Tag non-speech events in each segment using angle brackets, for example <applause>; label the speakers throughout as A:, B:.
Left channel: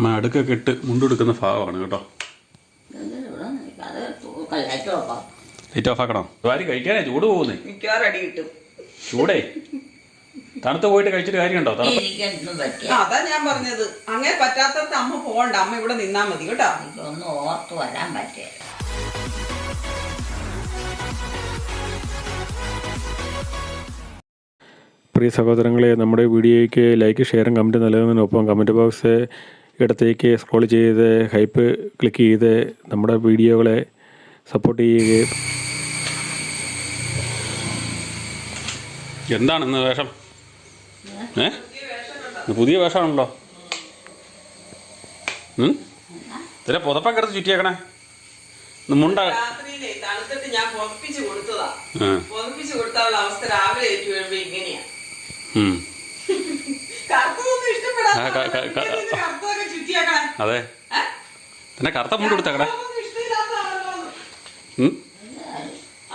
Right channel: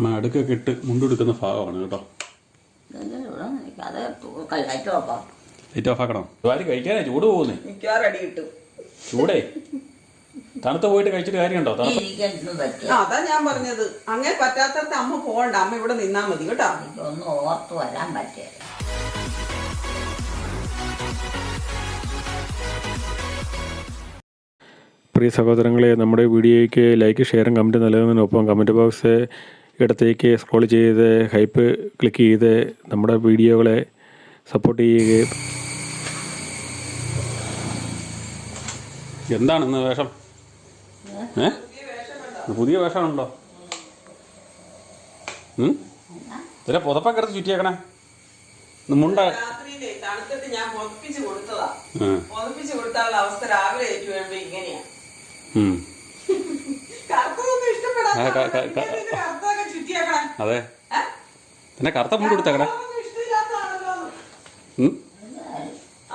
A: അമ്മ അടുക്കൊക്കെ ഇട്ട് മുണ്ടെടുക്കുന്ന ഭാഗമാണ് കേട്ടോ. ലൈറ്റ് ഓഫ് ആക്കണം? ആര് കഴിക്കാനേ ചൂട് പോകുന്നേ. ചൂടേ. തണുത്ത് പോയിട്ട് കഴിച്ചിട്ട് കാര്യമുണ്ടോ?
B: അതാ ഞാൻ പറഞ്ഞത്. അങ്ങനെ പറ്റാത്തടത്ത് അമ്മ പോകണ്ട. അമ്മ ഇവിടെ നിന്നാ മതി കേട്ടോ.
C: എനിക്കൊന്നും ഓർത്ത് വരാൻ പറ്റില്ല
D: പ്രിയ സഹോദരങ്ങളെ നമ്മുടെ വീഡിയോയ്ക്ക് ലൈക്ക് ഷെയറും കമന്റ് നൽകുന്നതിനൊപ്പം കമന്റ് ബോക്സ് ഇടത്തേക്ക് സ്ക്രോൾ ചെയ്ത് ഹൈപ്പ് ക്ലിക്ക് ചെയ്ത് നമ്മുടെ വീഡിയോകളെ സപ്പോർട്ട് ചെയ്യുകയും
A: എന്താണ് ഇന്ന് വേഷം? ഏ? പുതിയ വേഷമാണല്ലോ? ഇതിലെ പുതപ്പൊക്കെ എടുത്ത് ചുറ്റിയേക്കണേ. മുണ്ട
B: ഞാൻ പൊറപ്പിച്ച് കൊടുത്തതാ.
A: ആ,
B: പൊറപ്പിച്ച് കൊടുത്താലുള്ള അവസ്ഥ രാവിലെ ഏറ്റു വരുമ്പോ ഇങ്ങനെയാ.
A: ഉം.
B: കറുത്തതൊന്നും ഇഷ്ടപ്പെടാത്ത
A: അതെ? പിന്നെ കറുത്ത മുണ്ട് കൊടുത്തേക്കട?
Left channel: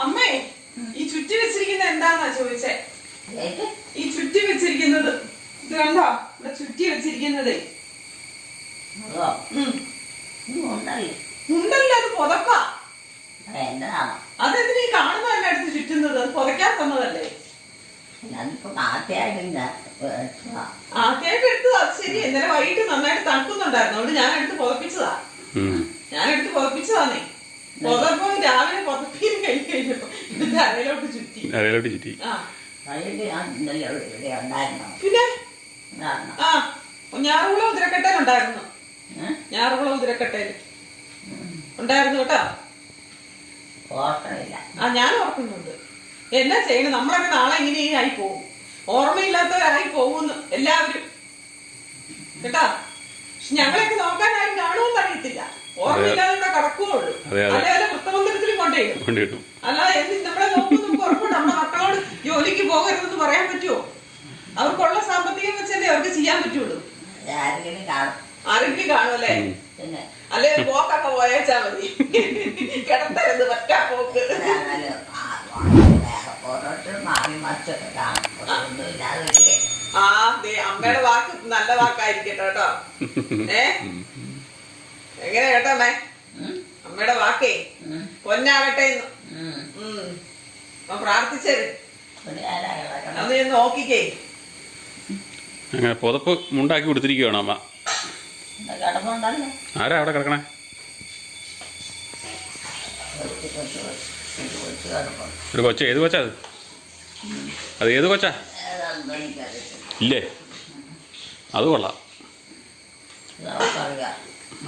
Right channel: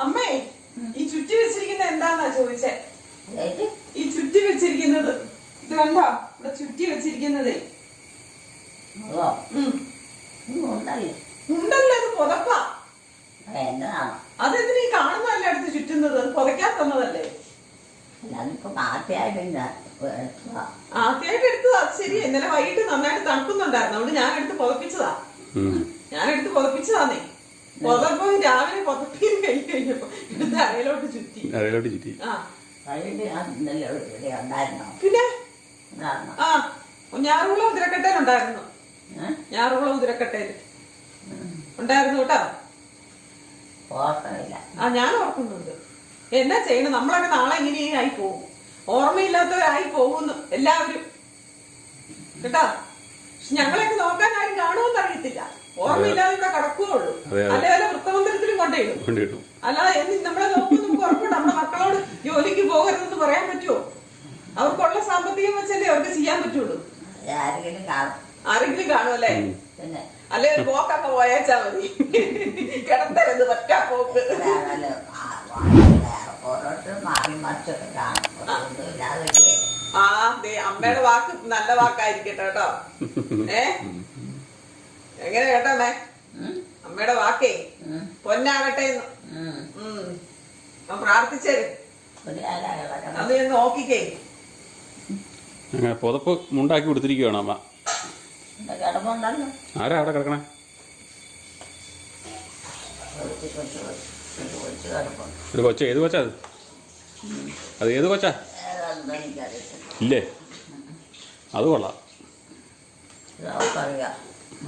B: അമ്മേ ഈ ചുറ്റി വെച്ചിരിക്കുന്നത് എന്താന്നാ ചോദിച്ചേ? ഈ ചുറ്റി വെച്ചിരിക്കുന്നത് ഇത് കണ്ടോ? ഇവിടെ ചുറ്റി വെച്ചിരിക്കുന്നതേ.
C: ഉണ്ടല്ലോ
B: അത് പുതപ്പാ? അതെന്തിനാ ഈ കാണുന്ന എന്റെ അടുത്ത് ചുറ്റുന്നത്? അത് പുതയ്ക്കാൻ തന്നതല്ലേ?
C: അതിപ്പോ ആദ്യമായിട്ട്
B: എടുത്തതാ ശരി ഇന്നലെ വൈകിട്ട് നന്നായിട്ട് തണുക്കുന്നുണ്ടായിരുന്നു. അതുകൊണ്ട് ഞാൻ എടുത്ത് പുതപ്പിച്ചതാ.
A: ഉം.
B: ഞാൻ എടുത്ത് പുതപ്പിച്ചതാന്നേ. പുതപ്പം രാവിലെ പുതപ്പിയും കഴിഞ്ഞ് കഴിഞ്ഞപ്പോ ഇത് തലയിലോട്ട് ചുറ്റി.
A: ചുറ്റി.
B: ആ. പിന്നെ?
C: ഉണ്ടായിരുന്നോ?
B: ആ. ഞാറുകുളം ഉതിരക്കട്ടയിലുണ്ടായിരുന്നു
C: ഉണ്ടായിരുന്നു.
B: ഞാറുകുളം ഉതിരക്കട്ടയിൽ ഉണ്ടായിരുന്നു കേട്ടോ? ആ ഞാൻ ഓർക്കുന്നുണ്ട്. എന്നാ ചെയ്യണം? നമ്മളൊക്കെ നാളെ ഇങ്ങനെ ആയി പോകും ഓർമ്മയില്ലാത്തവരായി പോകുന്നു. എല്ലാവരും. കേട്ടാ? പക്ഷെ ഞങ്ങളെയൊക്കെ നോക്കാൻ ആരും കാണുമെന്ന് അറിയത്തില്ല. ഓർമ്മയില്ലാതെ ഇവിടെ. അതേപോലെ വൃത്തമന്ദിരത്തിലും കൊണ്ടുപോയിടും
A: കൊണ്ട്
B: അല്ലാതെ എന്ത് നമ്മളെ നോക്കുന്നു ഉറപ്പുണ്ട്. നമ്മുടെ മക്കളോട് ജോലിക്ക് പോകരുതെന്ന് പറയാൻ പറ്റുമോ അവർക്കുള്ള സാമ്പത്തികം വെച്ചല്ലേ അവർക്ക് ചെയ്യാൻ പറ്റുള്ളൂ.
C: ആരെങ്കിലും കാണും.
B: അല്ലേ? കാണുമല്ലേ അല്ലെ ഒരു പോക്കൊക്കെ പോയേച്ചാ മതി. കിടത്തരുത് പറ്റാ പോക്ക്.
C: ആ- വേറെ ഓരോരുത്തരും മാറി മറിച്ചൊക്കെ ഒന്നും ഇല്ലാതെ
B: ആ ദേ, അമ്മയുടെ വാക്ക് നല്ല വാക്കായിരിക്കട്ടെ കേട്ടോ. ഏ? എങ്ങനെ കേട്ടോ അമ്മേ? അമ്മയുടെ വാക്കേ. പൊന്നാകട്ടെ പ്രാർത്ഥിച്ചേര്? അന്ന് ഞാൻ നോക്കിക്കേ.
A: അങ്ങനെ പുതപ്പ് മുണ്ടാക്കി കൊടുത്തിരിക്കുകയാണ് അമ്മ. ആരാ അവിടെ കിടക്കണേ? ഒരു കൊച്ച ഏത് കൊച്ചാ അത്? അത് ഏത് കൊച്ചാ? ഇല്ലേ? അത് കൊള്ളാം.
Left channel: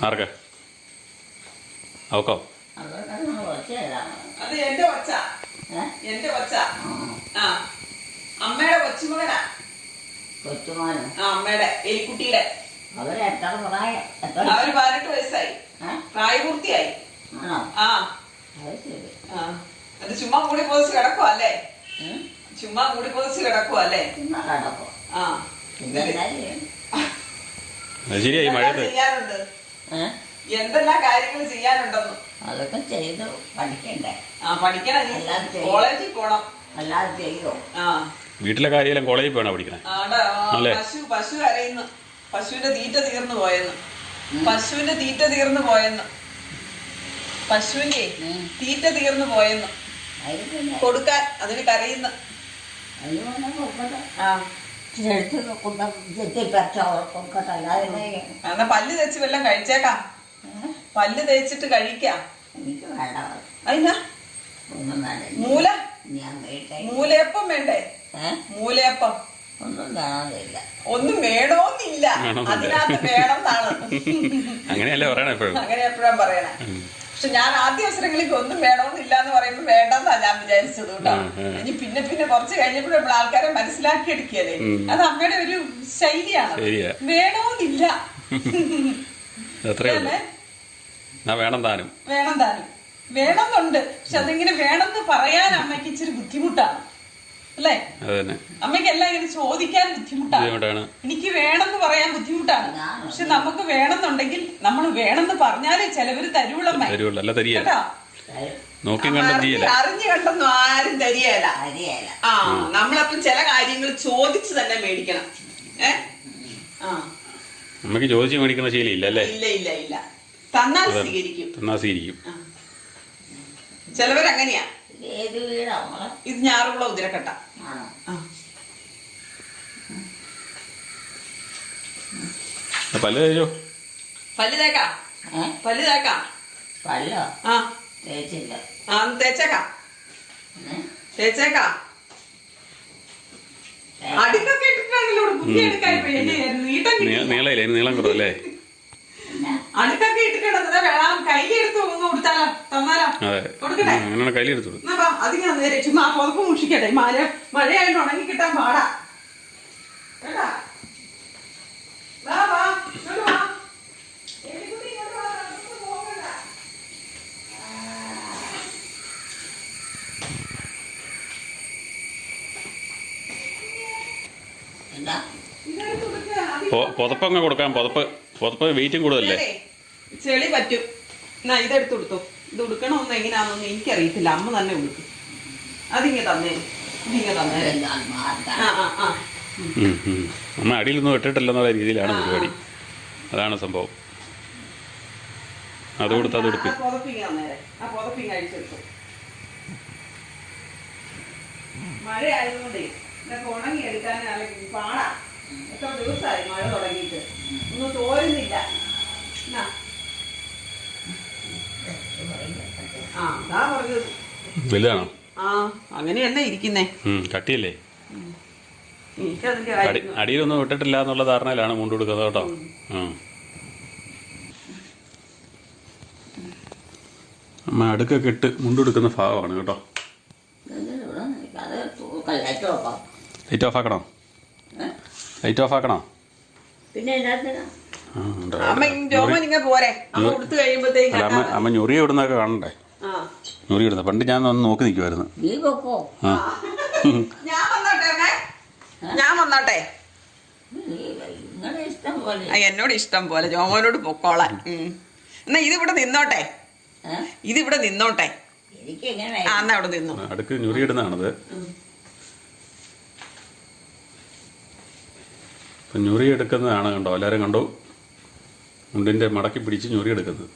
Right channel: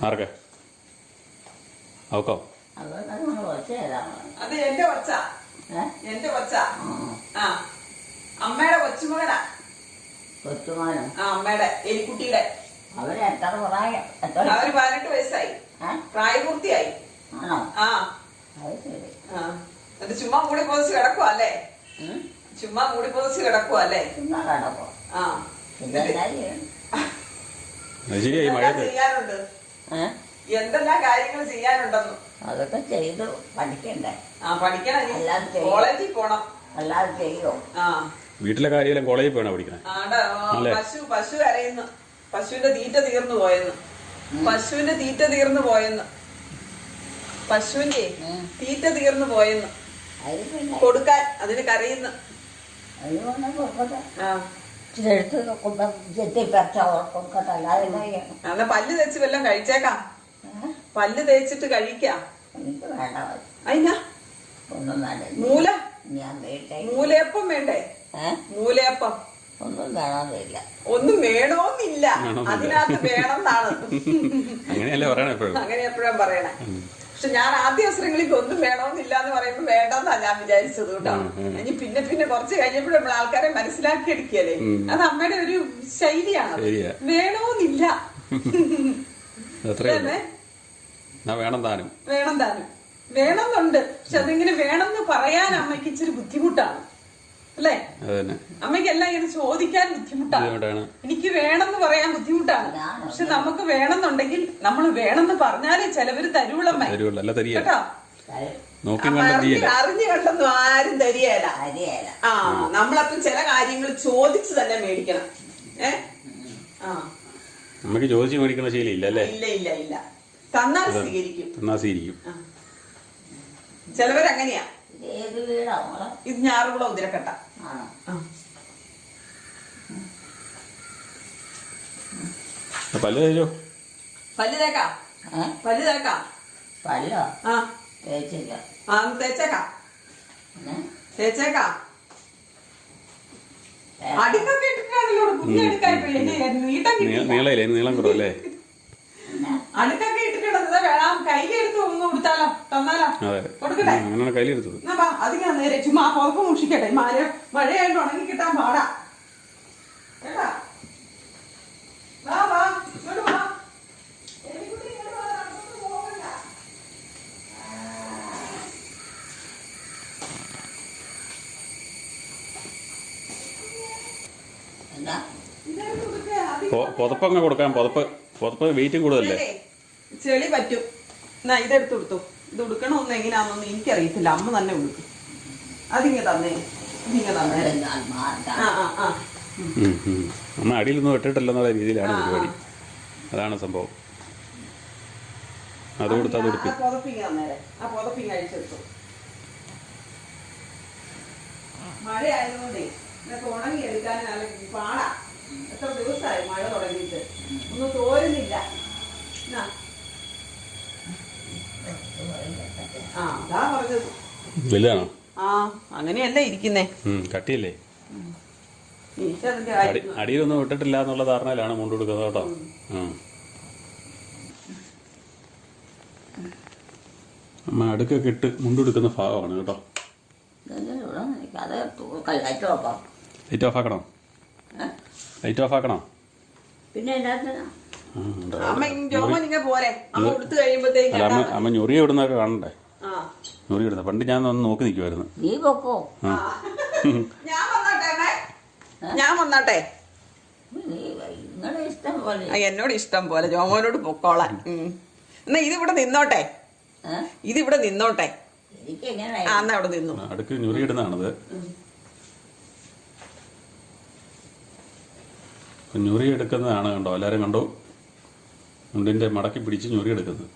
A: ആർക്ക? അവക്കോ?
B: അത് എന്റെ കൊച്ച.
C: ഏഹ്
B: എന്റെ കൊച്ച. ആ. അമ്മയുടെ കൊച്ചുമകനാ.
C: കൊച്ചുമകനോ?
B: ആ അമ്മയുടെ എലിക്കുട്ടിയുടെ.
C: അവർ എത്ര പ്രായം? എത്ര?
B: അവർ പതിനെട്ട് വയസ്സായി? പ്രായപൂർത്തിയായി.
C: ആണോ?
B: ആ.
C: അത്.
B: ആ. അത് ചുമ്മാ മൂടി പൊതിച്ച് കിടക്കുവാ അല്ലേ ചുമ്മാ മൂടി പൊതിച്ച് കിടക്കുവാ അല്ലേ
C: ചുമ്മാ കിടപ്പോ
B: ആ.
A: ശരിയായി
B: എന്തെല്ലാം
A: മഴയത്ത്.
B: ചെയ്യാനുണ്ട്? എന്തെല്ലാം കാര്യങ്ങൾ ചെയ്യാനുണ്ടെന്ന്?
C: അതൊക്കെ ചെയ്തു പഠിക്കണ്ടേ?
B: ആ പഠിക്കണം. കോളേജിൽ പോണം.
C: അല്ലാതെ ചെയ്യോ?
B: ആ.
A: വീട്ടിലെ കാര്യമെല്ലാം കോളേജിൽ പോകണം പഠിക്കണേ?
B: പശു പശു കരയുന്നു. പശുവിന്റെ തീറ്റ തീർന്നു പോയെന്ന്. പശുവിന്റെ തീറ്റ തീർന്നു പോയെന്ന്. പശുവിന്റെ തീറ്റ തീർന്നു പോയെന്ന്. കൊടുക്കാൻ അതിന് കരയുന്ന.
C: എന്നാ
B: പല്ല് തേച്ച് വല്ലതും കഴിച്ചേക്കാം. പല്ല് തേച്ചിട്ട് കഴിക്കാം. അതിനാ മൂല? മൂലയപ്പം വേണ്ടേ? മൂലയപ്പം.
C: ഒന്നും വേണമെന്നില്ല
B: ഒന്നും വേണോന്നില്ല.
A: വേണമെന്നില്ല.
B: അതിനകത്ത് വേണമെന്നാണ് <laughs>
A: അങ്ങനെയല്ലേ പറയണേ എപ്പോഴും?
B: അങ്ങനെ എപ്പോഴും പറയണേ? പക്ഷെ ഞാൻ ആദ്യ അവസരങ്ങളിൽ ഒന്നും വേണമെന്നില്ല എന്ന് പറയുമ്പോൾ വേണ്ടെന്നാണ് ഞാൻ വിചാരിച്ചത് കേട്ടോ. ഇനി പിന്നെ പിന്നെ കുറച്ച് കഴിഞ്ഞപ്പോഴും നമ്മൾ ആൾക്കാരെ മനസ്സിലാക്കി എടുക്കുകയല്ലേ. അത് അമ്മയുടെ ഒരു ശൈലിയാണ്. വേണമെന്നില്ല
A: വേണം താനും.
B: വേണം താനും. വേണമെന്നുണ്ട്. പക്ഷെ അതിങ്ങനെ വേണമെന്ന് പറയാൻ അമ്മയ്ക്ക് ഇച്ചിരി ബുദ്ധിമുട്ടാണ്. അല്ലേ? അമ്മയ്ക്ക് എല്ലാം ഇങ്ങനെ ചോദിക്കാൻ ബുദ്ധിമുട്ടാണ്. എനിക്ക് വേണമെന്ന് പറയാൻ ബുദ്ധിമുട്ടാണ്. പക്ഷെ നമുക്ക് വേണമെന്നുണ്ടെങ്കിൽ നമ്മൾ വേണമെന്ന് പറഞ്ഞാലേ ചിലവര് തരുവുള്ളമ്മേ കേട്ടോ?
A: ചെയ്യല.
B: അറിഞ്ഞു കണ്ടൊന്നും ആരും തരികയല്ല ആ നമ്മളപ്പം ചില കാര്യങ്ങൾ ചോദിച്ചു തന്നെ മേടിക്കണം. ഏ? ആ.
A: അമ്മയ്ക്ക് ചോദിച്ച് മേടിക്കുന്ന ഇല്ല അല്ലേ?
B: ഇല്ല ഇല്ല ഇല്ല. തന്നാൽ സ്വീകരിക്കും.
A: തന്നാൽ സ്വീകരിക്കും.
B: ചിലവരങ്ങനെയാ.
C: ഇത്
B: ഞാറുകുള ഉതിരക്കട്ട.
A: പല്ല് തേച്ചോ?
B: പല്ല് തേക്കാ. പല്ല് തേക്കാ.
C: പല്ലോ?
B: ആ.
C: തേച്ചില്ല.
B: ആ തേച്ചേക്കാ? തേച്ചേക്കാ. അടുക്കൊക്കെ ഇട്ടിട്ടാണല്ലോ
A: നീളം കുറവല്ലേ?
C: പിന്നെ
B: ഇട്ട് കിടന്നത് വേണം. കയ്യിലെടുത്ത് ഒന്ന് കൊടുത്താലോ? തന്നാലോ?
A: അതെ.
B: കൊടുക്കട്ടെ.
A: അങ്ങനെയാണ്
B: അതിങ്ങനെ നേരെ ചുമ്മാ ആ പുതപ്പ് മുഷിക്കട്ടെ മഴ മഴയായിട്ട് ഉണങ്ങി കിട്ടാൻ പാടാ. കേട്ടാ? വാ, വാ, ഇങ്ങോട്ട് വാ. എലിക്കുട്ടി ഇങ്ങോട്ട് വാ, നമുക്ക് പോകണ്ട.
C: എന്നാ
B: ഇതെടുത്ത് കൊടുക്കുക. അത്
A: പുതപ്പ് അങ്ങ് കൊടുക്കാം. പുതപ്പ് പുതപ്പ് വെയിറ്റും കൂടുതലല്ലേ?
B: ചെളി പറ്റും. എന്നാ ഇതെടുത്ത് കൊടുത്തു ഇത് ഉടുക്കണമെന്ന് എങ്ങനെയാണെന്നൊന്നും എനിക്കറിയത്തില്ല. അമ്മ തന്നെ ഉടുക്കും. അതിങ്ങ തന്നേ. ഇതിങ്ങ തന്നെ. ആ ആ.
A: അമ്മ അടിയിലൊന്നും ഇട്ടിട്ടില്ലെന്നുള്ള രീതിയിലാണ് പരിപാടി. അതാണ് സംഭവം. അത് കൊടുത്ത് അത്
B: അഴിച്ചെടുത്തു. മഴ ആയതുകൊണ്ടേ ഇതൊക്കെ ഉണങ്ങി എടുക്കാൻ അല്ലെങ്കിൽ പാടാ. എത്ര ദിവസമായി മഴ തുടങ്ങിയിട്ട്. ഒന്നും തോരുന്നില്ല. എന്നാ ആ അതാ പറഞ്ഞത്.
A: വലുതാണോ?
B: ആ അങ്ങനെയല്ല ഇരിക്കുന്നേ.
A: ഉം, കട്ടിയല്ലേ?
B: എനിക്കതിന്റെ
A: അടി
B: കാര്യം
A: അടിയിലൊന്നും വിട്ടിട്ടില്ല എന്നുള്ള ധാരണയിലാണ് മുണ്ട് കൊടുക്കുന്നത് കേട്ടോ. അമ്മ അടുക്കൊക്കെ ഇട്ട് മുണ്ടെടുക്കുന്ന ഭാഗമാണ് കേട്ടോ. Light off. ആക്കണോ? ലൈറ്റ് ഓഫ് ആക്കണോ?
C: പിന്നെ.
B: അമ്മ
A: ഞൊറി ഇടുന്നൊക്കെ കാണണ്ടേ?
B: ആ.
A: ഞൊറി ഇടുന്നത്. പണ്ട് ഞാൻ ഒന്ന് നോക്കി നിൽക്കുമായിരുന്നു
C: നീ പൊക്കോ?
B: ഞാൻ വന്നോട്ടെ ഞാൻ വന്നോട്ടെ.
C: നീ നിങ്ങളുടെ ഇഷ്ടം പോലെ.
B: ആ, എന്നോട് ഇഷ്ടം പോലെ. ജോമോനോട് പൊക്കോളാൻ എന്നാ ഇതിവിടെ നിന്നോട്ടെ. ഇതിവിടെ നിന്നോട്ടെ. ആ എന്നാ അവിടെ നിന്നു.
A: അടുക്ക് ഞൊറി ഇടുന്നതാണത്. ഞൊറി എടുക്കുന്നതാണ് കണ്ടോ? എല്ലാവരും കണ്ടോ? മുണ്ടിന്റെ മടക്കി പിടിച്ച് ഞൊറിയെടുക്കുന്നത്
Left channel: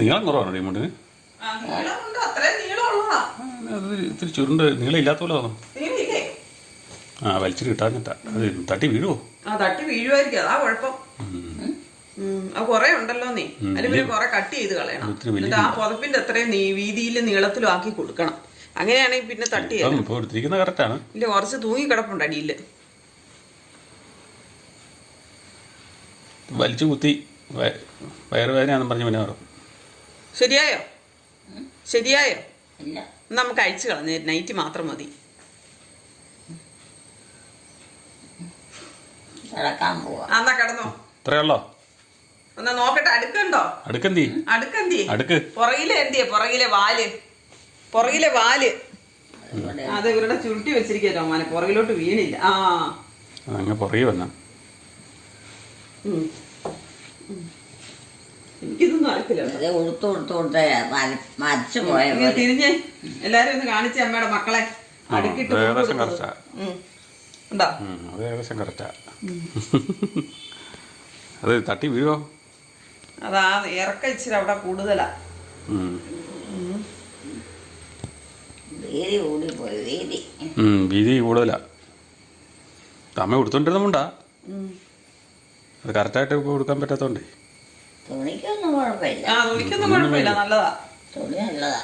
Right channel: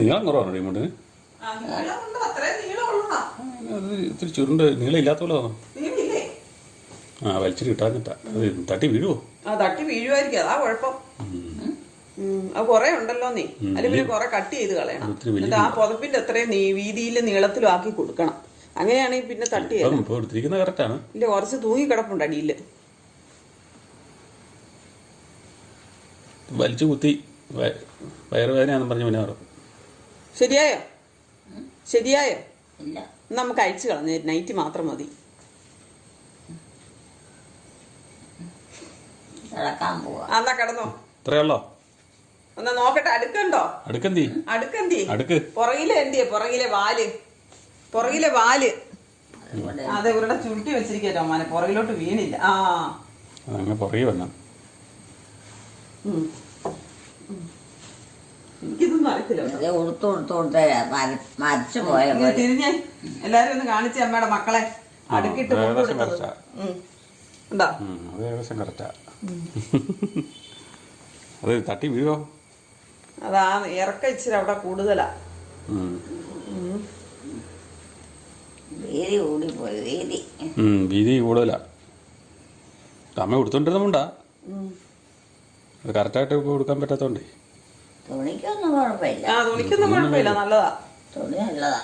A: നീളം കുറവാണോ ഈ മുണ്ടിന് അത് ഇത്തിരി ചുരുണ്ട്. നീളം ഇല്ലാത്ത പോലെ തോന്നും
B: നീളില്ലേ
A: ആ വലിച്ചു കിട്ടാഞ്ഞിട്ടാ. അത് തട്ടി വീഴുവോ?
B: ആ തട്ടി വീഴുമായിരിക്കും അതാ കുഴപ്പം. അത് കുറെ ഉണ്ടല്ലോ നീ. അല്ലെങ്കിൽ കുറെ കട്ട് ചെയ്ത് കളയണം. എന്നിട്ട് ആ പുതപ്പിന്റെ അത്രയും നീ വീതിയിലും നീളത്തിലും ആക്കി കൊടുക്കണം. അങ്ങനെയാണെങ്കിൽ പിന്നെ തട്ടി
A: കറക്റ്റാണ്
B: ഇല്ല കുറച്ച് തൂങ്ങി കിടപ്പുണ്ട് അടിയിൽ
A: വലിച്ചു കുത്തി വയ- വയറുവേദനയാണെന്ന് പറഞ്ഞു പിന്നെ
B: ശരിയായോ? ശരിയായോ? നമുക്ക് അഴിച്ചു കളഞ്ഞ. നൈറ്റ് മാത്രം മതി.
C: കിടക്കാൻ പോവാ.
B: എന്നാ കിടന്നോ.
A: ഇത്രയുള്ളോ?
B: എന്നാ നോക്കട്ടെ അടുക്കുണ്ടോ?
A: അടുക്കെന്തി?
B: അടുക്കെന്തി.
A: അടുക്ക്.
B: പുറകിലെ എന്തിയെ? പുറകിലെ വാൽ. പുറകിലെ
C: വാൽ.
B: അത് ഇവരുടെ ചുരുട്ടി വെച്ചിരിക്കട്ടോ മോനെ പുറകിലോട്ട് വീണില്ല. ആ.
A: അതങ്ങ് പുറകെ വന്ന.
B: എനിക്കിതൊന്നും അറിയത്തില്ല
C: ഉടുത്ത് ഉടുത്ത് ഉടുത്ത് മരിച്ചു പോയ
B: തിരിഞ്ഞേ എല്ലാരും ഒന്ന് കാണിച്ചേ അമ്മയുടെ മക്കളെ. അടുക്കിട്ട്
A: അത് ഏകദേശം. കറക്റ്റാ അത് തട്ടി വീഴോ?
B: അതാ ഇറക്ക ഇച്ചിരി അവിടെ കൂടുതലാ.
C: വീതി കൂടിപ്പോയി വീതി.
A: വീതി കൂടുതലാ. അമ്മ കൊടുത്തോണ്ടിരുന്നുണ്ടാ അത് കറക്റ്റായിട്ട് കൊടുക്കാൻ പറ്റാത്തോണ്ടേ.
C: തുണിക്കൊന്നും കുഴപ്പമില്ല.
B: ആ തുണിക്കൊന്നും കുഴപ്പമില്ല നല്ലതാ.
C: തുണി നല്ലതാ.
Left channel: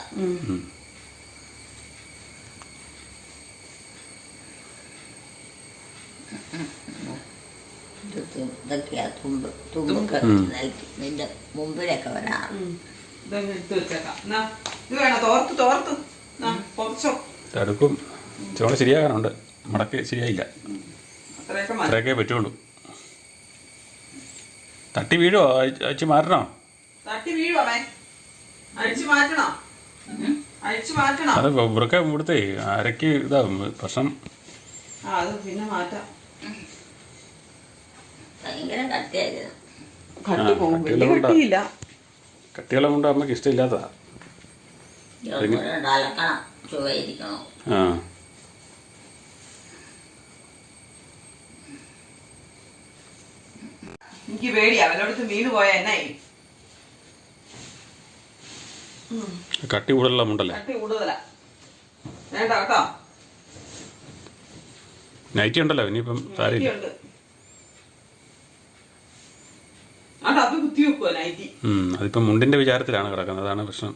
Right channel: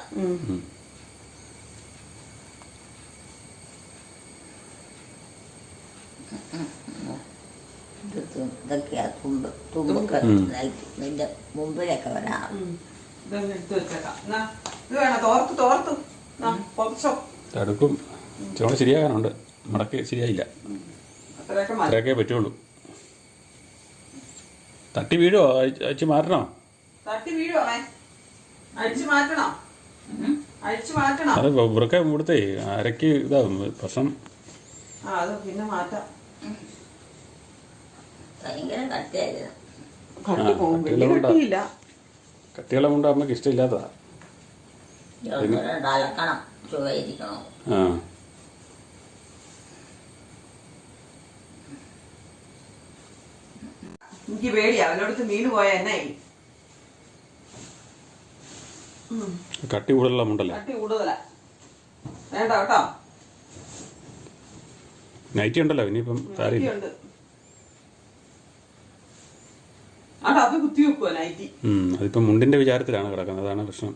C: ഇതൊക്കെയാ തുമ്പ് തുമ്പൊക്കെ നിന്റെ മുമ്പിലൊക്കെ
B: പൊതച്ചോ
A: ചോണ ശരിയാകാനുണ്ട്. മടക്ക് ശരിയായില്ല.
B: അത്രയൊക്കെ
A: പറ്റുള്ളൂ. തട്ടി വീഴോ അയച്ച് അയച്ച് മാറ്റണോ?
B: തട്ടി വീഴുവേ അഴിച്ചു മാറ്റണോ? അഴിച്ചു മാറ്റണോ?
A: അത് വൃക്ക ഇവിടുത്തെ അരക്ക് ഇതാ പ്രശ്നം.
B: ആ അത് പിന്നെ മാറ്റാം.
C: ഭയങ്കര കട്ടിയായിരുന്നു.
B: കട്ടി പോകും വലിയ കട്ടിയില്ല.
A: കട്ടികളെ കൊണ്ട് അമ്മയ്ക്ക് ഇഷ്ടമില്ലാത്തതാ
C: ഇതൊന്നും അലക്കണം ചുവയിരിക്കണം.
A: ആ.
B: എനിക്ക് പേടി വീണ് പോയ എന്നായി
A: കട്ടി കൂടുതലുള്ള മുണ്ടല്ലേ?
B: കട്ടി കൂടുതലാ. വേണ്ട കേട്ടോ.
A: നൈറ്റി ഉണ്ടല്ലോ ഇനിയിപ്പം സാരിയില്ല
B: ഉണ്ട് അത് കുത്തി വെക്കുവാ നൈറ്റി.
A: ഉം, മുണ്ടിന്റെ വിചാരത്തിലാണ് കിടക്കുന്നത്. അതാണ് പ്രശ്നം.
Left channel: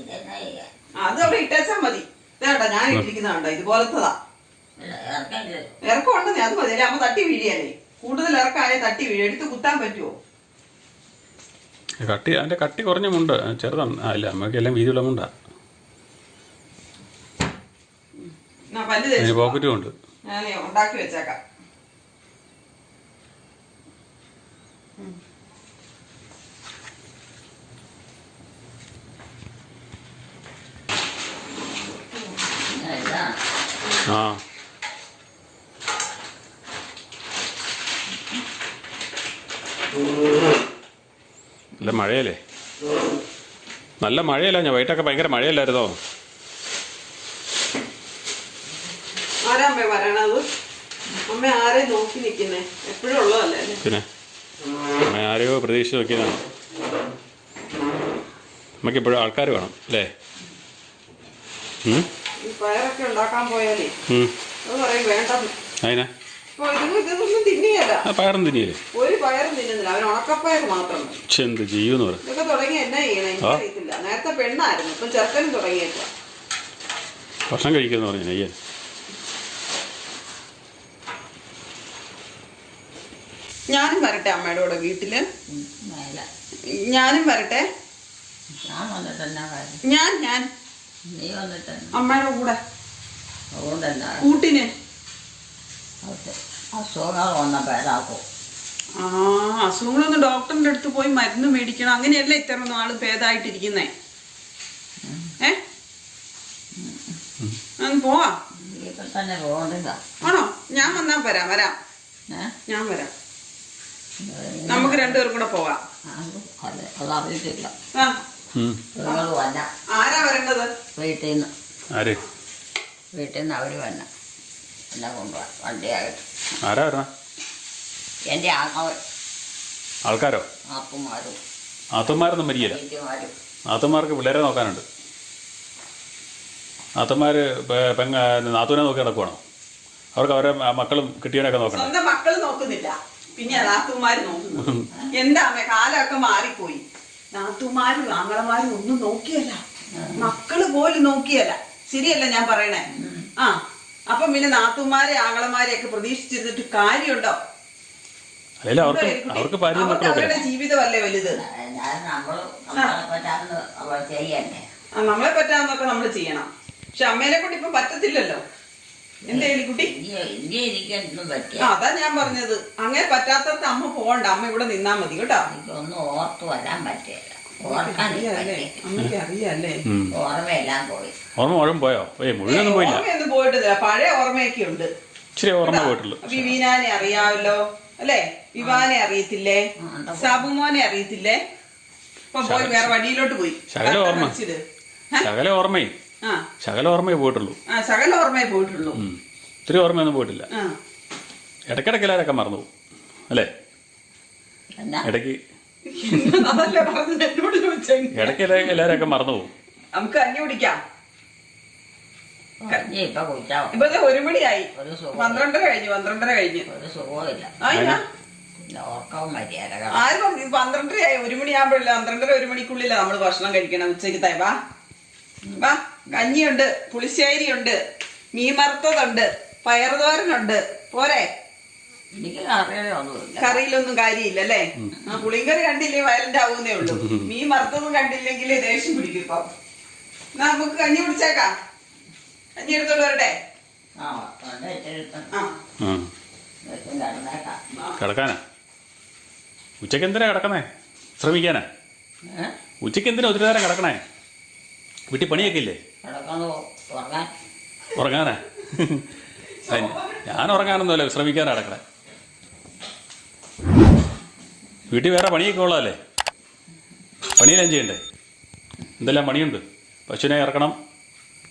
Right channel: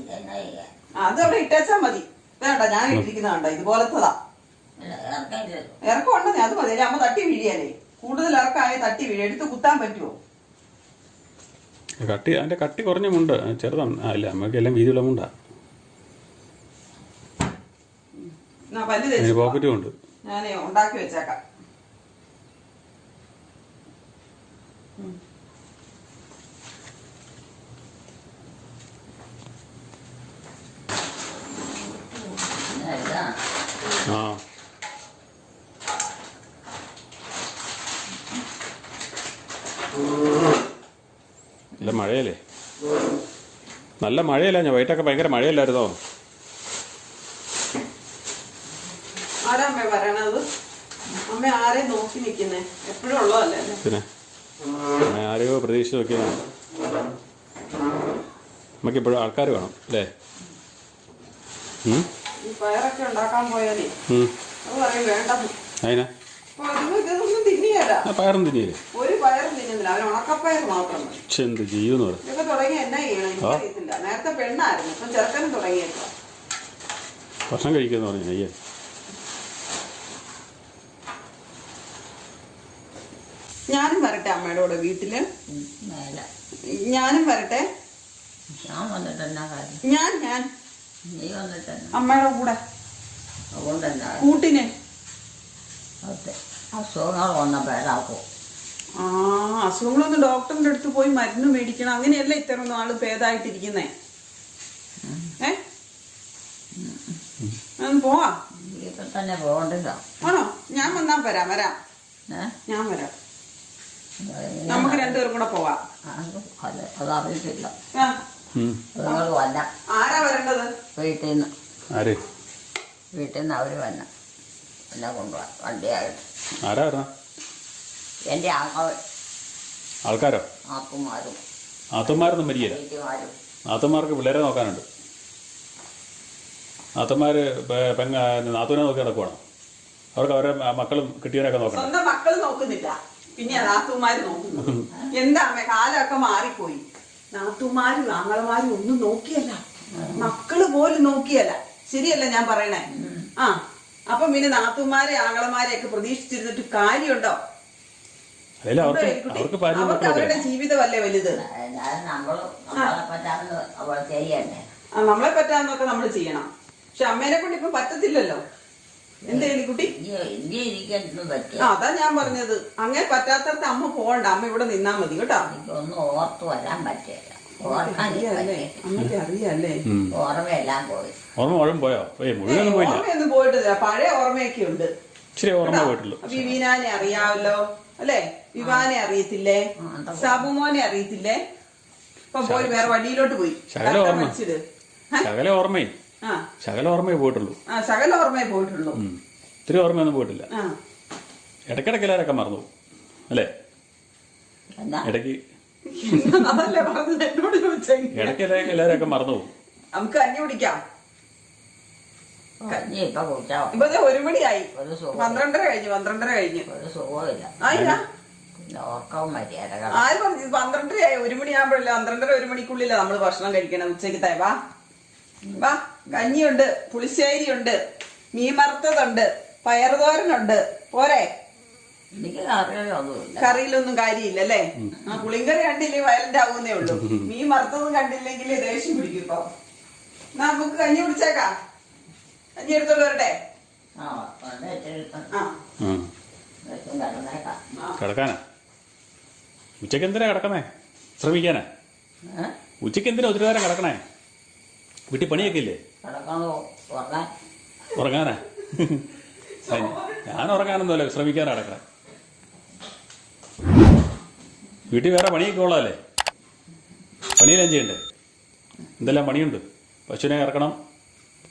C: ഇതെന്നാ ചെയ്യാ
B: അത് ഇട്ടേച്ചാ മതി. വേണ്ട ഞാൻ ഇട്ടിരിക്കുന്നതാണ്ട ഇതുപോലത്തതാ. ഇറക്കം ഉണ്ടെന്നേ അത് മതി. അല്ലേ അമ്മ തട്ടി വീഴിയല്ലേ കൂടുതൽ ഇറക്കായ തട്ടി വീഴും. എടുത്ത് കുത്താൻ പറ്റുമോ
A: കട്ടി അതിന്റെ കട്ടി കുറഞ്ഞ മുണ്ട്. ചെറുതാണ്. അല്ല ഇല്ല അമ്മയ്ക്ക് എല്ലാം വീതിയുള്ള മുണ്ടാ. പോക്കറ്റും ഉണ്ട്.
B: ഞാനേ ഉണ്ടാക്കി വെച്ചേക്കാം
C: പിന്നെ ഇതാണ്
A: ആ. നല്ല മഴയല്ലേ? നല്ല മഴയല്ല ഞാൻ വൈകിട്ടൊക്കെ ഭയങ്കര മഴയല്ലായിരുന്നോ? പിന്നെ? അമ്മ ആരെയോ പ്രതീക്ഷിച്ച് നോക്കിയതാണ്. നമുക്ക് ഇപ്പോഴും ആൾക്കാർ വേണം അല്ലേ?
B: പയറൊക്കെ ഉണ്ടാക്കാൻ പോയാലേ. അത് പറയും വേണ്ട.
A: അതിനാ പയറും തിന്നിയല്ലേ?
B: ഒരു പയറും തിന്നുന്നില്ല. അവൻ ഉണക്കപ്പയർ മാത്രം
A: എന്ത് ചെയ്യുമെന്ന് പറ.
B: ഇതൊക്കെ തുടങ്ങി എന്നാ ചെയ്യണം? എനിക്കറിയത്തില്ല നേരത്തെ പെണ്ണായിരുന്നു. ഇപ്പൊ ചെറുക്കനും തുടങ്ങിയേക്കാം
A: ഭക്ഷണം കഴിക്കുന്നു പറഞ്ഞു അയ്യേ
B: ഞാനും വരട്ടെ അമ്മയുടെ കൂടെ
C: വീട്ടിൽ.
B: ഞാനും വരട്ടെ.
C: ഞാൻ
B: ഞാൻ.
C: നീ വന്നിട്ട്
B: അമ്മയുടെ കൂടെ.
C: അതുകൊണ്ട് എന്താ
B: കൂട്ടിന്
C: അസുഖങ്ങൾ വന്നപ്പോൾ ഏതാക്കും?
B: ആ അസുഖങ്ങളൊന്നും ഡോക്ടറിന്റെ അടുത്ത് പോയി മരുന്ന് മേടിക്കണം. അങ്ങനെയല്ല ഇത്ര നാൾ ഭേദമായിട്ടിരിക്കുന്നേ ഏ? പോവാ.
C: തന്നെ പോകണ്ടില്ല.
B: ആണോ? ഞാൻ വന്നാ വരാം വരാം. ഞാൻ വരാം. നമുക്ക് രണ്ടുപേരും കൂടെ പോവാം.
C: അത് അത് അതറിയത്തില്ല.
B: ആ.
C: നിങ്ങൾ വന്ന.
B: ആരാ വരേണ്ടത്?
C: വീട്ടിൽ നിന്ന്
A: ആര്?
C: വീട്ടിൽ നിന്ന് അവർ വന്ന. എന്നെ കൊണ്ടുപോകാൻ വണ്ടിയായിട്ട്.
A: ആരാ വരണ
C: എന്റെ
A: ആൾക്കാരോ?
C: ആപ്പുമാരും
A: ആത്തന്മാരൊന്നും മരിയല്ല
C: വീട്ടുമാരും
A: നാത്തന്മാർക്ക് പിള്ളേരെ നോക്കാനുണ്ട്. നാത്തന്മാര് പെ- പെങ്ങ നാത്തൂനെ നോക്കി നടക്കുവാണോ? അവർക്ക് അവരെ മക്കളും കിട്ടിയവനൊക്കെ നോക്കണം
B: സ്വന്തം മക്കൾ നോക്കുന്നില്ല. പിന്നെ നാത്തുമാര് നോക്കുന്നു <laughs> എന്താ കാലമൊക്കെ മാറിപ്പോയി. നാത്തുമാരും ആങ്ങളമാരും ഒന്നും നോക്കിയല്ല. മക്കൾ പോലും നോക്കിയല്ല. ശരിയല്ല ഞാൻ പറയണേ. ആ അപ്പൊ പിന്നെ നാത്തുമാരെ ആങ്ങളമാരെ ഒക്കെ പ്രതീക്ഷിച്ചിരുന്നിട്ട് കാര്യമുണ്ടോ?
A: അവർക്ക്
B: അവരുടെ ജീവിതമല്ലേ വലുത്?
C: നമ്മളെ
B: പറ്റാന്നൊക്കെ നമ്മൾ ചെയ്യണം. പക്ഷെ അമ്മേനെ കൊണ്ട് ഇപ്പൊ പറ്റത്തില്ലല്ലോ. എന്തേ കുട്ടി അതാ ഞാൻ പറഞ്ഞത്. അങ്ങനെ പറ്റാത്തടത്ത് അമ്മ പോകണ്ട. അമ്മ ഇവിടെ നിന്നാ മതി കേട്ടോ.
C: എനിക്കൊന്നും ഓർത്ത് വരാൻ പറ്റില്ല. ഓർമ്മയെല്ലാം? പോയി.
A: ഓർമ്മ മുഴുവൻ പോയോ? ഏ മുഴുവനൊന്നും പോയില്ല.
B: ഓർമ്മയൊന്നും പോയിട്ടില്ല. പഴയ ഓർമ്മയൊക്കെ ഉണ്ട്.
A: ഇച്ചിരി ഓർമ്മ പോയിട്ടുള്ളൂ.
B: വിവീനാനെ അറിയാവല്ലോ അല്ലേ? വിവാനെ അറിയത്തില്ലേ? സാബുമോനെ അറിയത്തില്ലേ? ഇപ്പൊ പോയി വേറെ വഴിയിലോട്ട് പോയി.
A: ശകല ഓർമ്മ. ശകല ഓർമ്മയെ.
B: ആ.
A: ശകല ഓർമ്മയെ പോയിട്ടുള്ളൂ.
B: ആ സകല ഓർമ്മയെ പോയിട്ടുള്ളൂ.
A: ഉം. ഇത്തിരി ഓർമ്മയൊന്നും പോയിട്ടില്ല.
B: ആ.
A: ഇടയ്ക്കിടയ്ക്ക് എല്ലാവരൊക്കെ മറന്നു പോകും. അല്ലേ?
C: ഇടയ്ക്ക്
A: ഇടയ്ക്ക്
B: അതല്ലേ പറഞ്ഞത്?
A: ഇടയ്ക്ക് എല്ലാ- എല്ലാവരൊക്കെ മറന്നു പോകും.
B: നമുക്ക് കഞ്ഞി കുടിക്കാം.
C: ഇനി ഇപ്പൊ
B: ഒരു മണിയായി.
C: ഒരു സുഖം.
B: പന്ത്രണ്ടര കഴിഞ്ഞു പന്ത്രണ്ടര കഴിഞ്ഞു.
C: ഒരു സുഖമില്ല
B: ആയില്ല.
C: ഓർക്കവും
B: ആര് പറഞ്ഞു? പന്ത്രണ്ടരയായി. ഒരു മണിയാകുമ്പോഴല്ല പന്ത്രണ്ടര ഒരു മണിക്കുള്ളില്ല നമ്മൾ ഭക്ഷണം കഴിക്കണം ഉച്ചയ്ക്ക് വാ. വാ. കഞ്ഞിയുണ്ട് പുളിശ്ശേരിയുണ്ട് മീൻ മറുത്തതുണ്ട് പയറുതോരനുണ്ട്. പോരെ?
C: എനിക്ക്
B: കറിയിലൊന്നും കാര്യമില്ല അല്ലേ ആ പുളിങ്കറി കണ്ടില്ലേ? വയലന്റ് ആവുന്നേ ഉള്ളൂ. മീൻ വറുത്തതും കണ്ടില്ലെങ്കിൽ ദേഷ്യം പിടിക്കും ഇപ്പൊ. നമുക്ക് കഞ്ഞി കുടിച്ചേക്കാം. കഞ്ഞി എടുത്തോണ്ട് വരട്ടെ?
C: ആ.
A: കിടക്കാനാ? ഉച്ചയ്ക്ക് എന്തിനാ കിടക്കണേ ശ്രമിക്കാനാ?
C: ഉച്ചയ്ക്ക്
A: ഉച്ചയ്ക്ക് എന്തിനാ ഒത്തിരി നേരം കിടക്കണേ? വീട്ടിൽ പണിയൊക്കെ ഇല്ലേ? ഉറങ്ങാനാ? <laughs> ഞാൻ ഉറങ്ങാനൊന്നുമല്ല ശ്രമിക്കാനാ കിടക്കണേ. വീട്ടിൽ വേറെ പണിയൊക്കെ ഉള്ളതല്ലേ? പണിയെല്ലാം ചെയ്യണ്ടേ? എന്തെല്ലാം പണിയുണ്ട്? പശുവിനെ ഇറക്കണം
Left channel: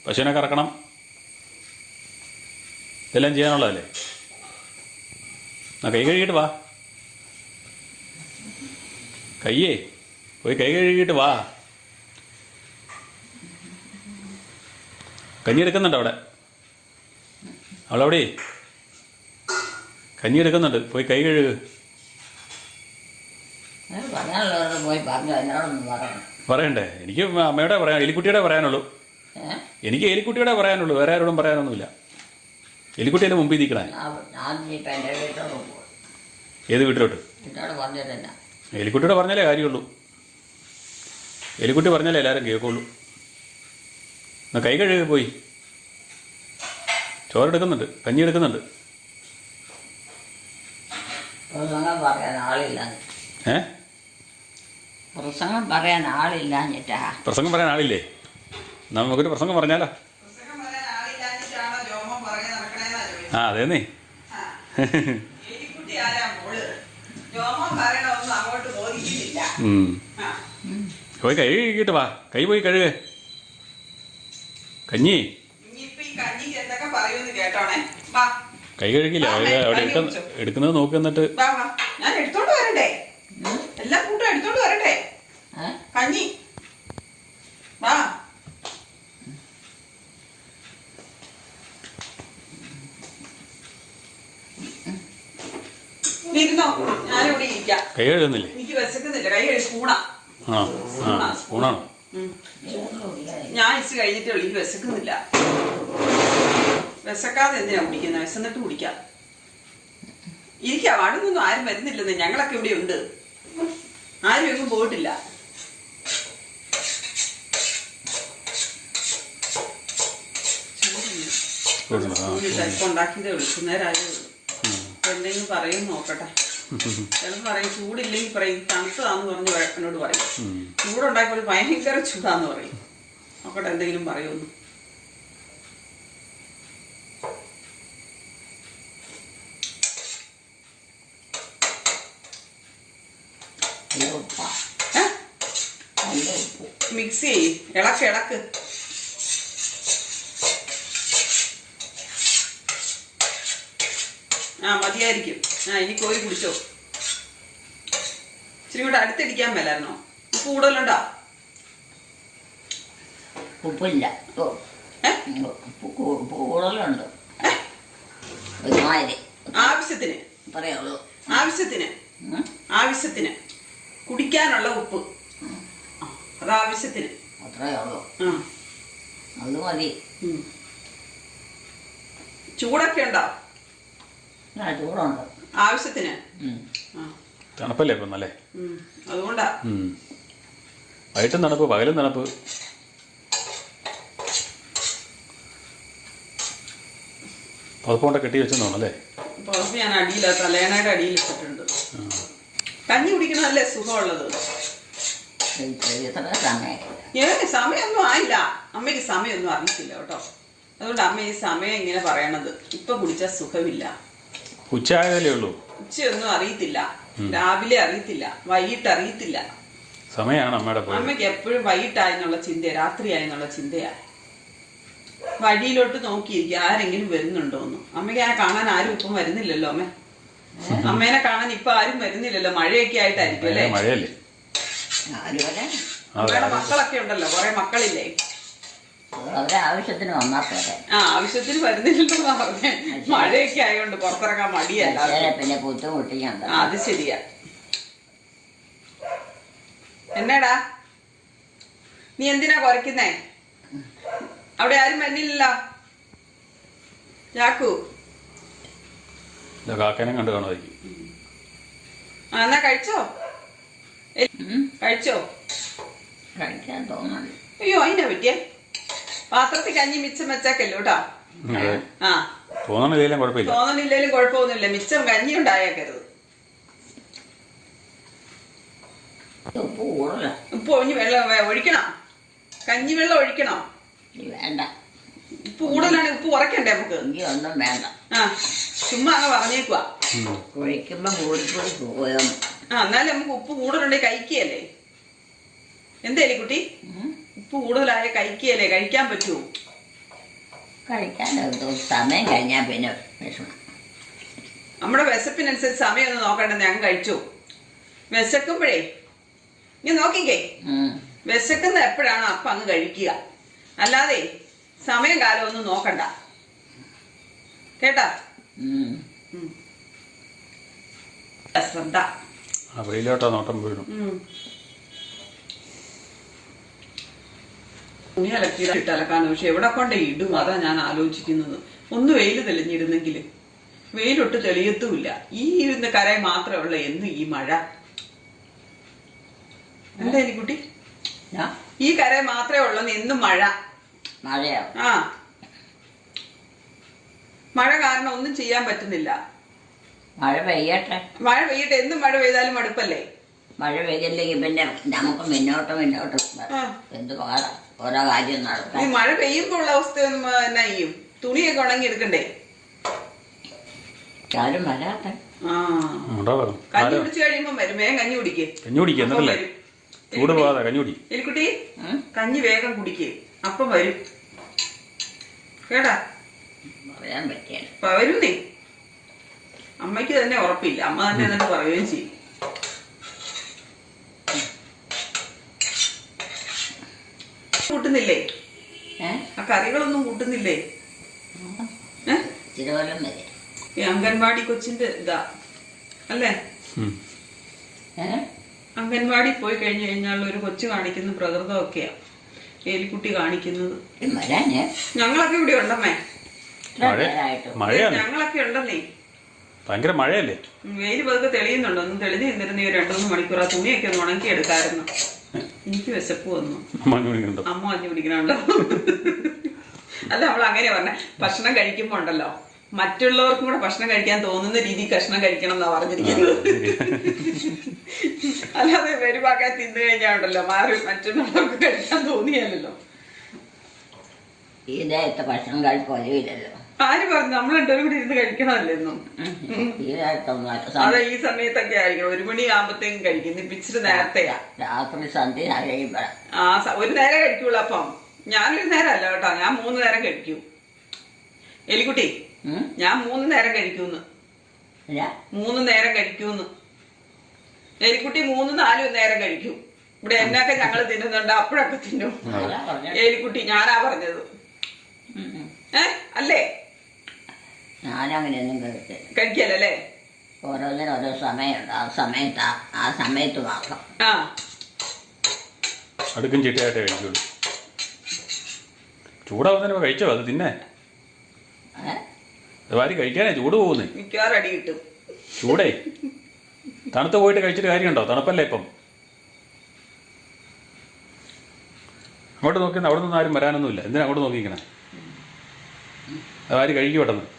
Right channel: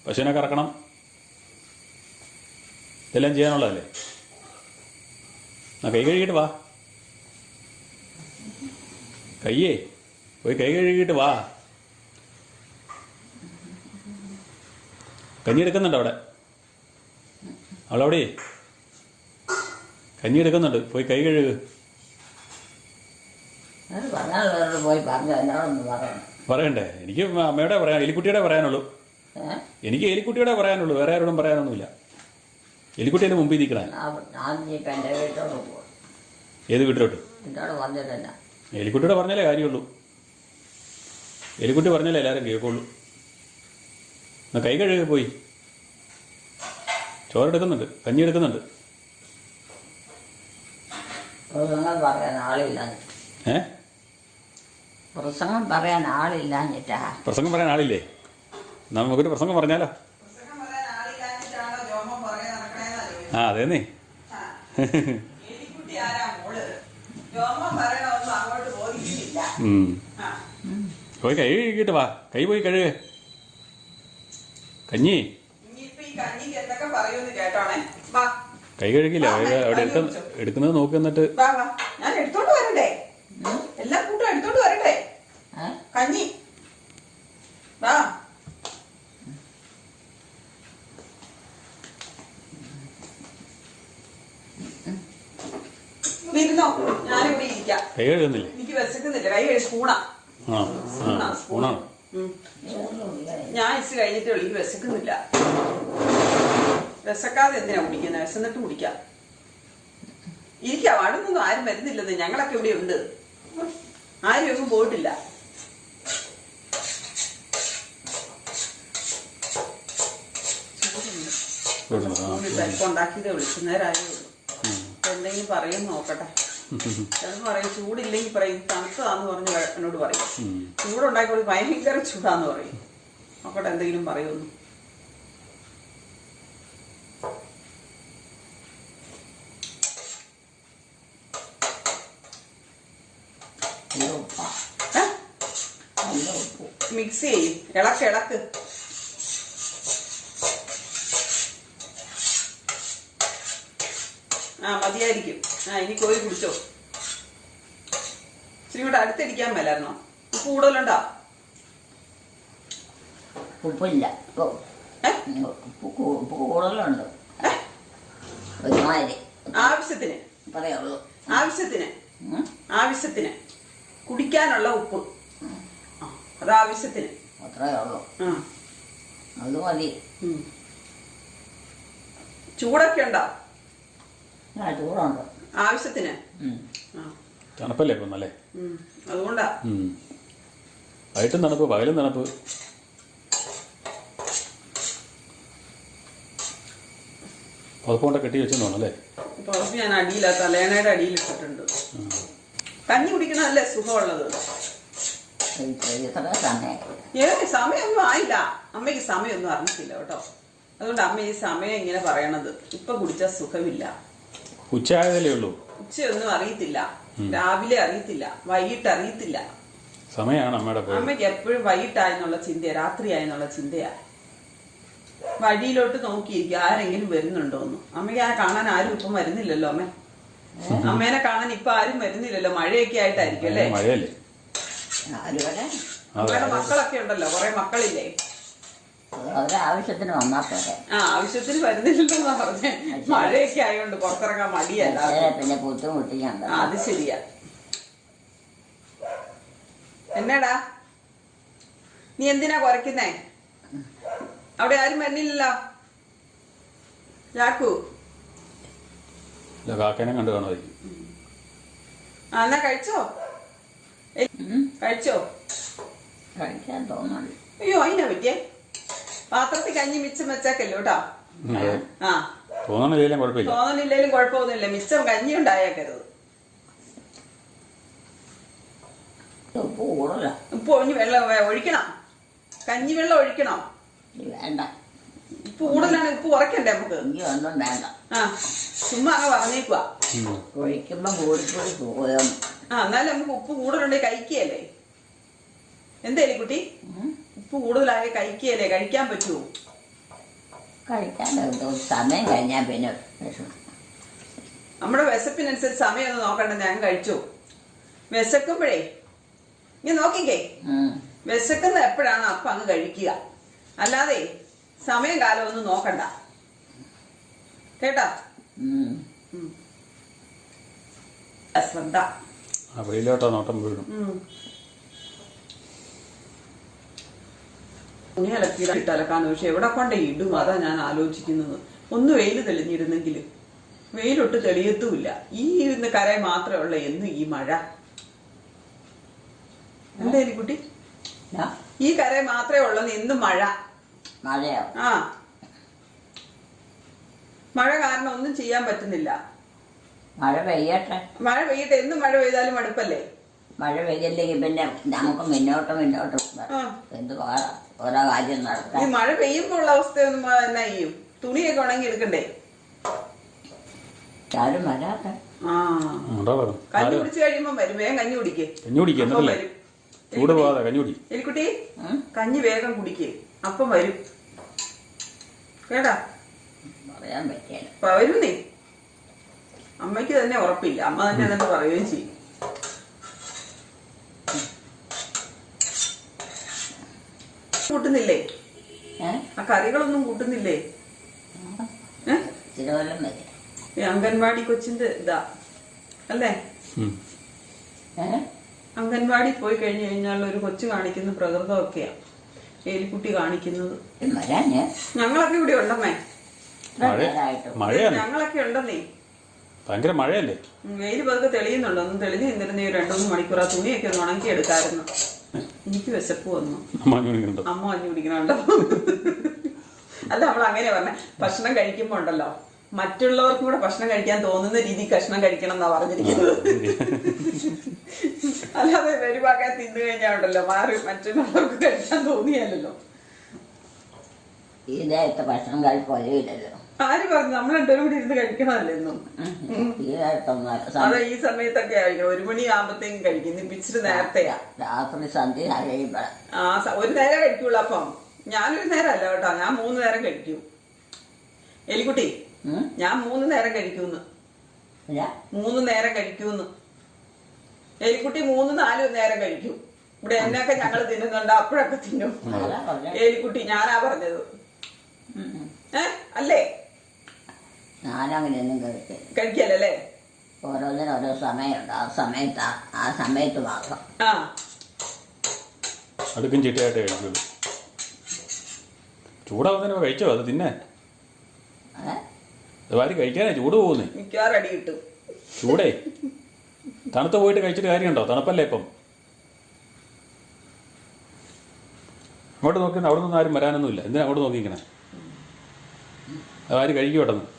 A: പശുവിനെ കറക്കണം. ഇതെല്ലാം ചെയ്യാനുള്ളതല്ലേ? എന്നാ കൈ കഴുകിയിട്ട് വാ. കയ്യേ പോയി കൈ കഴുകിയിട്ട് വാ. കഞ്ഞി എടുക്കുന്നുണ്ട് അവിടെ. അവളവിടെ കഞ്ഞി എടുക്കുന്നുണ്ട്. പോയി കൈ കഴുകുക
C: പോയി
A: പറയണ്ടേ? എനിക്ക് അമ്മയുടെ പറയാൻ എലിക്കുട്ടിയുടെ പറയാനുള്ളൂ. എനിക്ക് എലിക്കുട്ടിയുടെ പറയാനുള്ളൂ വേറെ ആരോടും പറയാനൊന്നുമില്ല. എലിക്കുട്ടിയുടെ മുമ്പിൽ നിൽക്കണേ ഏത് വീട്ടിലോട്ട്? എലിക്കുട്ടിയുടെ പറഞ്ഞാലേ കാര്യമുള്ളൂ. എലിക്കുട്ടി പറഞ്ഞാലേ എല്ലാവരും കേൾക്കുള്ളൂ. എന്നാ കൈ കഴുകി പോയി. ചോറെടുക്കുന്നുണ്ട് കഞ്ഞി എടുക്കുന്നുണ്ട് ഏഹ്
C: പ്രസംഗം പറയാൻ ആളില്ലാഞ്ഞിട്ടാ
A: പ്രസംഗം പറയാൻ ആളില്ലേ? നമുക്കൊരു പ്രസംഗം പറഞ്ഞാലോ. ആ അതേന്നേ. പോയി കൈ കഴുകിയിട്ട് വാ. കൈ പോയി കഴുക. കഞ്ഞി? കൈ കഴുകില്ല അവിടെ എടുക്കുന്നത് നോക്കി എന്നിട്ട്.
B: വാ വാ. ഞാൻ എടുത്തോണ്ട് വരണ്ടേ? എല്ലാം കൂട്ടും എടുത്തോണ്ട് വരണ്ടേ? കഞ്ഞി. വാ. ഇരുന്നോ? ഞാനിവിടെ ഇരിക്കാം.
A: കൈ കഴുകുന്നില്ലേ?
B: എനിക്ക് വിശക്കുന്നില്ല. കൈ കഴിച്ച് സ്പൂണാ.
A: ആ ആ സ്പൂണാണോ?
B: ഉം.
C: ഇതൊന്നും ഇല്ല.
B: ഞാൻ ഇച്ച് കഴിഞ്ഞിട്ടേ ഉള്ളൂ. എനിക്ക് വിശക്കുന്നില്ല. വിശക്കാതെ എന്തിനാ കുടിക്കുന്നത് വിശന്നിട്ട് കുടിക്കാം. ഇരിക്കാം. അടുത്തൊന്നും ആരും വരുന്നില്ലെന്ന്. ഞങ്ങളൊക്കെ ഇവിടെ ഉണ്ട്. ആരും എങ്ങും പോയിട്ടില്ല. ഉണ്ടാക്കിയതേ ഉള്ളൂ. അപ്പൊ എന്തെങ്കിലും പറയും നോക്കട്ടെ. ചിലപ്പോൾ പറയും ചൂടില്ലെങ്കിൽ പറയും തണുത്തതാന്ന് പറഞ്ഞ് എന്നോട് പറയും.
A: ഉം.
B: ഭയങ്കര ചൂടാന്ന് പറയും. നോക്കട്ടെ എന്തെങ്കിലും പറയുമെന്ന്. മിക്സ് ചെയ്യ്. ഇളക്ക് ഇളക്ക്. ആ മതിയായിരിക്കും. ആ ഇനി കോരി കുടിച്ചോ. ഇച്ചിരി കൂടെ അടുത്തടിക്കാൻ മേലായിരുന്നോ? ഉപ്പ് കൂടുതലുണ്ടോ?
C: ഉപ്പില്ല. ഉപ്പ്. കൂടുതലുണ്ട്.
B: ആവശ്യത്തിന്.
C: പറയുള്ളൂ.
B: ആവശ്യത്തിന്. ആവശ്യത്തിന്. കുടിക്കാനുള്ള ഉപ്പ്. അത് ആവശ്യത്തിന്.
C: അത്രേ ഉള്ളൂ. അത് മതി.
B: ചൂടൊക്കെ ഉണ്ടോ?
C: ചൂടുണ്ട്
B: ആവശ്യത്തിന്?
A: തണുപ്പല്ലേ ഇപ്പം നല്ലേ.
B: അതുകൊണ്ടാ.
A: വൈകിട്ടും തണുപ്പ് പകലും തണുപ്പ്. പുതപ്പോണ്ട കെട്ടി വെച്ചെന്ന് തോന്നല്ലേ
B: അപ്പൊ ഞാൻ അടിയില്ല തലേണയുടെ അടിയിൽ ഇട്ടിട്ടുണ്ട്. കഞ്ഞി കുടിക്കണതല്ലേ സുഖമുള്ളത്? ഏ സമയമൊന്നും ആയില്ല. അമ്മയ്ക്ക് സമയമൊന്നും അറിഞ്ഞിട്ടില്ല കേട്ടോ. അതുകൊണ്ട് അമ്മ ഈ സമയം ഇങ്ങനെ പറയണത്. ഇപ്പൊ കുടിച്ചാൽ സുഖമില്ല.
A: ഉച്ച ആയതല്ലേ ഉള്ളൂ.
B: ഉച്ചയൊന്നും അറിയത്തില്ല. രാവിലെ അറിയത്തില്ല. വൈകിട്ട് അറിയത്തില്ല.
A: സമയമാണ് അമ്മയുടെ പോയത്.
B: അമ്മയ്ക്ക് എപ്പോഴും വൈകിട്ടായെന്നുള്ള ചിന്തയാ രാത്രിയായെന്നുള്ള ചിന്തയാ. വഴിയിലോട്ട് നോക്കിയിരിക്കും ആരെങ്കിലും വരുന്നുണ്ടോന്ന്. അമ്മയ്ക്ക് ആ കാണാൻ ആരും ഇപ്പം വരുന്നില്ലല്ലോ അമ്മ. അമ്മേനെ കാണാൻ ഇപ്പൊ ആരും വരുന്നില്ലല്ലോ മഴയൊക്കെ ആയിട്ടായിരിക്കും അല്ലേ?
A: മഴയല്ലേ?
B: മക്കളൊക്കെ ഉണ്ടല്ലോ കൊറേ മക്കളില്ലേ?
C: അവരെ ആവശ്യത്തിന് വന്നാൽ പോരെ.
B: ആ ആവശ്യത്തിന് വരുന്നില്ലെന്നാ പറഞ്ഞേ. മഴയൊക്കെ ആയതുകൊണ്ട് പുറത്തിറങ്ങാൻ മടിയല്ല.
C: പിന്നെ ബുദ്ധിമുട്ടിക്കണ്ട.
B: ആ അത് ശരിയാ. എന്നാടാ? നീ എന്തിനാ കുറയ്ക്കുന്നേ? അവിടെ ആരും വരുന്നില്ലല്ലോ. ചാക്കു.
A: ഇല്ല കാക്കേനെ കണ്ടു കാണുമായിരിക്കും.
B: ആ എന്നാ കഴിച്ചോ? കഴിച്ചോ?
C: കഴിക്കാൻ തോന്നുന്നു
B: അയ്യോ അതിനാ പറ്റിയേ? പാത്രത്തിൽ കഞ്ഞി മിച്ചം വെച്ചേക്കല്ലോ കേട്ടോ? ആ.
A: തോന്നണില്ലെങ്കിലും കുഴപ്പമില്ല.
B: തോന്നണില്ലേലും കുഴപ്പമൊന്നുമില്ല. മിച്ചം കഞ്ഞി ഉണ്ടായേക്കരുത്.
C: ഉപ്പ്
B: ഒഴിഞ്ഞ് വെള്ളം ഒഴിക്കണം. കഞ്ഞി വെള്ളം ഒഴിക്കണോ?
C: വേണ്ട.
B: ഉപ്പ് കൂടുതലാണെങ്കിൽ ഉപ്പ് കുറയ്ക്കണ്ടേ നമുക്ക്?
C: ഒന്നും വേണ്ട.
B: ആ. ചുമ്മാ അങ്ങ് പറഞ്ഞേക്കുവാ. ആ എന്നാലും നമുക്ക് ഉപ്പ് കൂടുതലുണ്ടെങ്കിൽ കഴിക്കുകയല്ലേ? എന്തായാലും കുട്ടി ഉപ്പ് കൂടുതലായ കഴിക്കുകയല്ലേ? കഴിക്കാൻ പറ്റുമോ
C: കഴിക്കാൻ സമയം കഴിഞ്ഞാൽ പിന്നെ വിഷമം
B: നമ്മുടെ വിശപ്പിനനുസരിച്ച് സമയം ഒന്ന് നോക്കണ്ട. ഞാൻ കഴിച്ചു. വിശക്കുമ്പോഴേ നീ നോക്കിക്കേ. വിശക്കുന്ന എപ്പോഴാണ് അപ്പം അങ്ങ് കഴിക്കുക. അല്ലാതെ സമയം കാലം ഒന്നും നോക്കണ്ട. കേട്ടാ. ശ്രദ്ധ
A: ആ വെയിലോട്ടാ നോട്ടം വീഴും.
B: തുണി അലക്കിയിട്ട് അലക്കാനോ പക്ഷെ എവിടെ കൊണ്ട് ഇടും? അതാ ഞാൻ ആലോചിക്കുന്നത്. ഒന്ന് വെയിൽ തെളിഞ്ഞിരുന്നെങ്കിൽ വെയിലൊട്ട് തെളിയത്തുമില്ല. ഈ ഇരുന്ന കരയെ മാത്രമേ ഉള്ളൂ എന്ന് ഈ മഴ. എന്താ കുട്ടി?
C: ആ,
B: ഈ കര മാത്രമേ ഉള്ളെന്ന് എന്നും മഴ.
C: മഴയോ?
B: ആ. മഴ കാരണം ഒന്നും ചെയ്യാൻ പറ്റുന്നില്ല.
C: മഴ പെയ്യട്ടെ.
B: മഴ പെയ്യട്ടെ. എന്നും മഴ പെയ്താലും മടുപ്പല്ലേ
C: മഴ പെയ്തില്ലെങ്കിൽ പിന്നെ നമുക്ക് മുന്നോട്ട് മുന്നോട്ട്. എന്ത് പാടാ? ഓരോ കാര്യം
B: ഈ
C: നടത്താൻ
B: മഴ പെയ്യുമ്പോൾ ഉള്ള അവസ്ഥ ഒന്നും എന്നാ ചെയ്യും തുണിയൊക്കെ ഉണങ്ങി എടുക്കണ്ടേ?
C: ആരും
A: വരാത്ത.
B: കഞ്ഞി കുടിച്ച് കഴിയുമ്പം വരും. വേഗം കഞ്ഞി കുടിക്കേ.
A: കഞ്ഞി കുടിക്കുക എന്നല്ലേ ചൂട് കഞ്ഞി കുടി.
B: എലിക്കുട്ടി കഞ്ഞി വേഗം കുടിക്കേ. അപ്പം വരും. കേട്ടാ?
C: പറയാൻ
B: വരുന്നേ. അമ്മയ്ക്ക് തന്നെ ഉറപ്പില്ല. അമ്മ തന്നെ എന്നിട്ട് പറയുകയും ചെയ്യും. കൂട്ടുന്നില്ലേ? ആ കറികളൊന്നും കൂട്ടുന്നില്ലേ?
C: വരെ
B: ഈ അംഗൻവാടി കൊച്ചിന്റെ ഇതാ. അല്ലേ? അംഗൻവാടി പോയി കഴിഞ്ഞു കഴിഞ്ഞാൽ ഒരു കൊച്ചു കാണിക്കുന്ന പ്രകൃതമൊക്കെയാ. എലിക്കുട്ടി കാണിക്കുന്നത്. ഞങ്ങളൊക്കെ ഇവിടെ ഉണ്ടമ്മേ. ഞങ്ങളൊക്കെ ഉണ്ടെന്നേ.
A: ഭയങ്കര മഴയല്ലേ?
B: വെയിൽ പതുക്കെ തെളിയുന്നുണ്ട്. ഒന്ന് തെളിഞ്ഞു നിന്നിരുന്ന ഈ രണ്ടു മൂന്ന് മണിക്കൂർ ആ തുണിയൊക്കെ ഒന്ന് ഉണക്കി എടുക്കായിരുന്നു എനിക്ക് വിശപ്പ് വന്നു.
A: മഞ്ഞു കുടിക്കുന്നുണ്ടോ?
B: അമ്മ അഞ്ഞു പിടിക്കണുണ്ടോ അല്ല നമ്മൾ അങ്ങനെ പറഞ്ഞ. ഭക്ഷണം കഴിക്കുമ്പോ ഉണ്ടല്ലോ. മറ്റുള്ളവർക്കും കൂടെ ഭക്ഷണം കഴിക്കാൻ തോന്നുന്ന രീതി കഷ്ണം കഴിക്കണം എന്നാ പറഞ്ഞിരിക്കുന്നത്. അല്ലാതെ വരുവാക്കാൻ തിന്നു കഴിഞ്ഞാൽ ഉണ്ടല്ലോ മാറി മറ്റുള്ളവർക്ക് കഴിക്കാൻ തോന്നിയല്ലോ
C: ഈ നേരത്തെ ഭക്ഷണം കഴിപ്പ് ഒരവില്ലല്ലോ
B: ആര് പറഞ്ഞു? നമ്മൾ രണ്ടുപേരും കൂടി ഇരുന്ന്
C: കഴിക്കണമല്ലെന്നും
B: അതെ ഈ സമയത്തൊക്കെ ആയിരിക്കണം. ഒരു മണി ആകുമ്പത്തേക്കും കഴിക്കും. ഇപ്പൊ ഇച്ചിരി നേരത്തെയാ.
C: രാത്രി സന്ധ്യ
B: ആ ഒരു നേരം കഴിക്കുള്ളൂ അപ്പം. ഞാനൊരു നേരം അല്ല കേട്ടോ. ഞാൻ മൂന്ന് നേരം കഴിക്കൂ. എലിക്കുട്ടി ഞാൻ മൂന്ന് നേരം കഴിക്കൂന്ന്. മൂന്ന് നേരം കഴിക്കൂന്ന്. എലിക്കുട്ടി മൂന്ന് നാല് നേരം കഴിക്കും. ഇവിടെ എന്നൊക്കെ ഞങ്ങൾ തിന്നുന്നുണ്ട്. അപ്പോഴൊക്കെ തിന്നും. എലിക്കുട്ടി ഞാനാ പറഞ്ഞത്. ഏ? അല്ലേ?
C: ഞാനങ്ങനെയൊന്നും കഴിക്കില്ല
B: കഴിക്കല്ലേ
C: ഓരോന്നിനും ഓരോ സമയമുണ്ട്. ആ സമയത്ത് ആ- സമയത്ത് മാത്രം.
B: ആ.
A: അടുക്കും ചിട്ടയായിട്ടേ കഴിക്കുള്ളൂ. ചൂടാവുന്നതിന് കഴിച്ചോ? അത് തിന്നെ.
C: ഏ?
A: അത് വാരി കഴിക്കാനേ ചൂട് പോകുന്നേ.
B: മിക്കവാറും അടി കിട്ടും.
A: ചൂടേ. തണുത്ത് പോയിട്ട് കഴിച്ചിട്ട് കാര്യമുണ്ടോ? തണുപ്പല്ലേ ഇപ്പം? അങ്ങോട്ട് നോക്കി അവിടെ നിന്ന് ആരും വരാനൊന്നുമില്ല. എന്തിനാ അങ്ങോട്ട് നോക്കിക്കണേ അത് ആര് കഴിക്കും പെട്ടെന്ന്.